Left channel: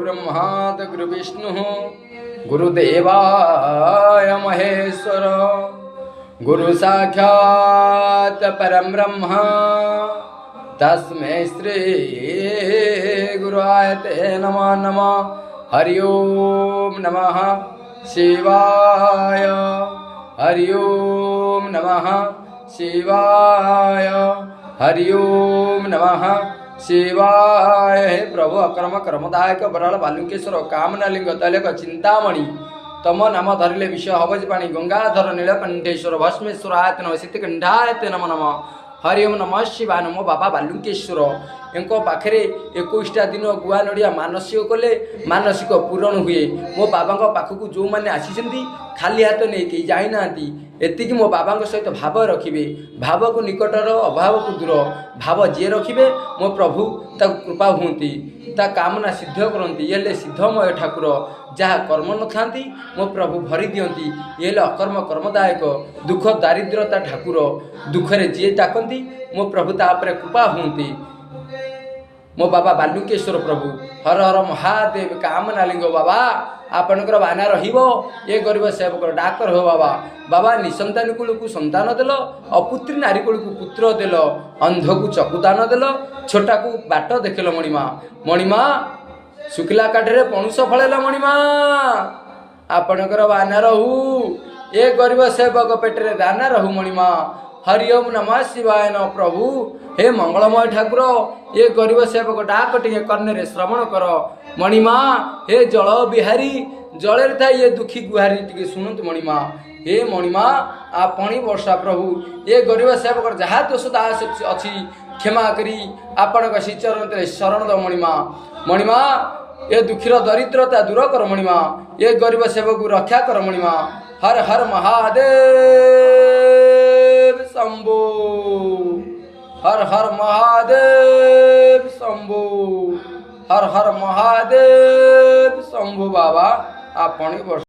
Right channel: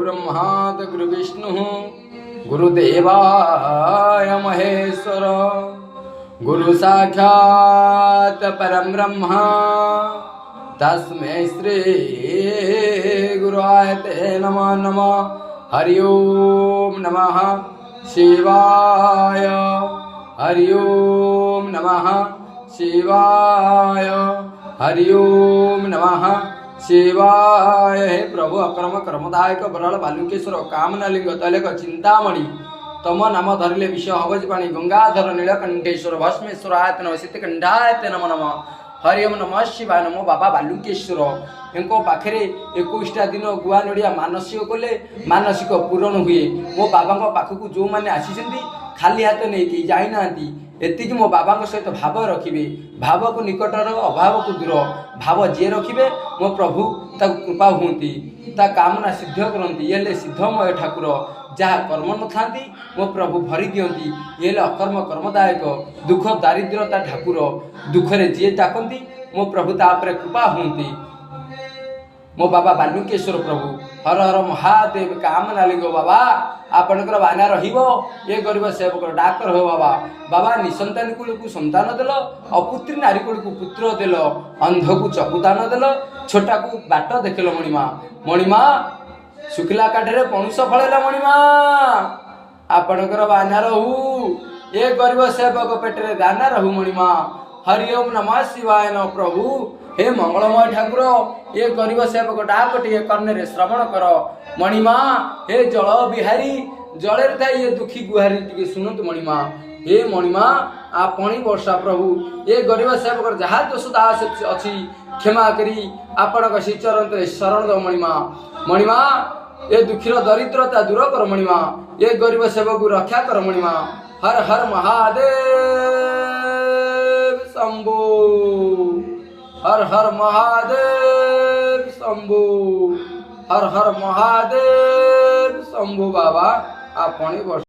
गुरुर्ब्रह्मा गुरुविष्णु गुरुदेवाय महेश्वर गुरु साक्षात् परम ब्रह्म तस्मै श्री गुरुआय ते नमः नमः। हरि ओम नमः शिवाय। हरि ओम नमः शिवाय। हरि ओम नमः शिवाय। हे प्रभु अकर्म कर्मदायक बराल बालुकेश्वर कामनालिंग तैलक चिंतामणि तम नाम धरिले विषय हवज पाणी गंगाधर नीलकंठेश्वर भस्मेश्वर आयतन शीतकंठायते नमो नमः। हरि ओम नमः शिवाय। नमो बाबा बालुकेश्वर एंको पाखे 21टा दिन गुआ नड़िया मानसिक कले मानसिक पूरण हुए। मो बाबा पाखक जो मैंने आसी खाली हाथ नहीं जाना एतिक मो बाबा सहित भाव रखिए। भाव को निकटर अभाव को दूर भाव जी रखिए मो प्रभु ताक कृपा हुंती ता कामना सिद्ध करती। ये सिद्धमय ठाकुर जहाँ कर्म न था मो प्रभु भरी दियंती। ये अकर्म कर्मदायक दुख दारिद्रता ठाकुर दुखरे जी डाकती मो प्रभु तापर कृपा हुंती। मो बाबा बालुकेश्वर प्रभु हर हर महादेव कामनालिंग बाबा आपणकर बाना रहिबो। ये गरीब सेवक डाक्तर हो बाबा। बाबा निसंतान कूल को संतान देल अपुत्री नारी कूल को पुत्र देल अंध को चकुदान देल छोटा को बाट देखल मणिमा। मणिमा शुक्ला काठरे पणुष फलैला मणिमा आपणकर बाना रहू। ये गरीब सेवक पेटरे दाना रहू मणिमा। हरि ओम नमः शिवाय। न प्रभु हे मंगलमय ठाकुर ये गरीब सेवक डाक टे कर्णरे श्रवण कर मणिमा। हे जल बिहारी जल ये दुखी गुहारी टे शुणु मणिमा। हे मणिमा आपणी वर्षा प्रभु ये गरीब सेवक जहाँ दोष दास अच्छी क्षमा करी आपण श्रीचरण शरण दो मणिमा। मणिमा ये दुखीर दरिद्रता दूर कर मणिमा। ये गरीब सेवक रक्षा कर मणिमा। हर हर महादेव शंभो। हर हर महादेव शंभो। हर हर महादेव शंभो बाबा आपणी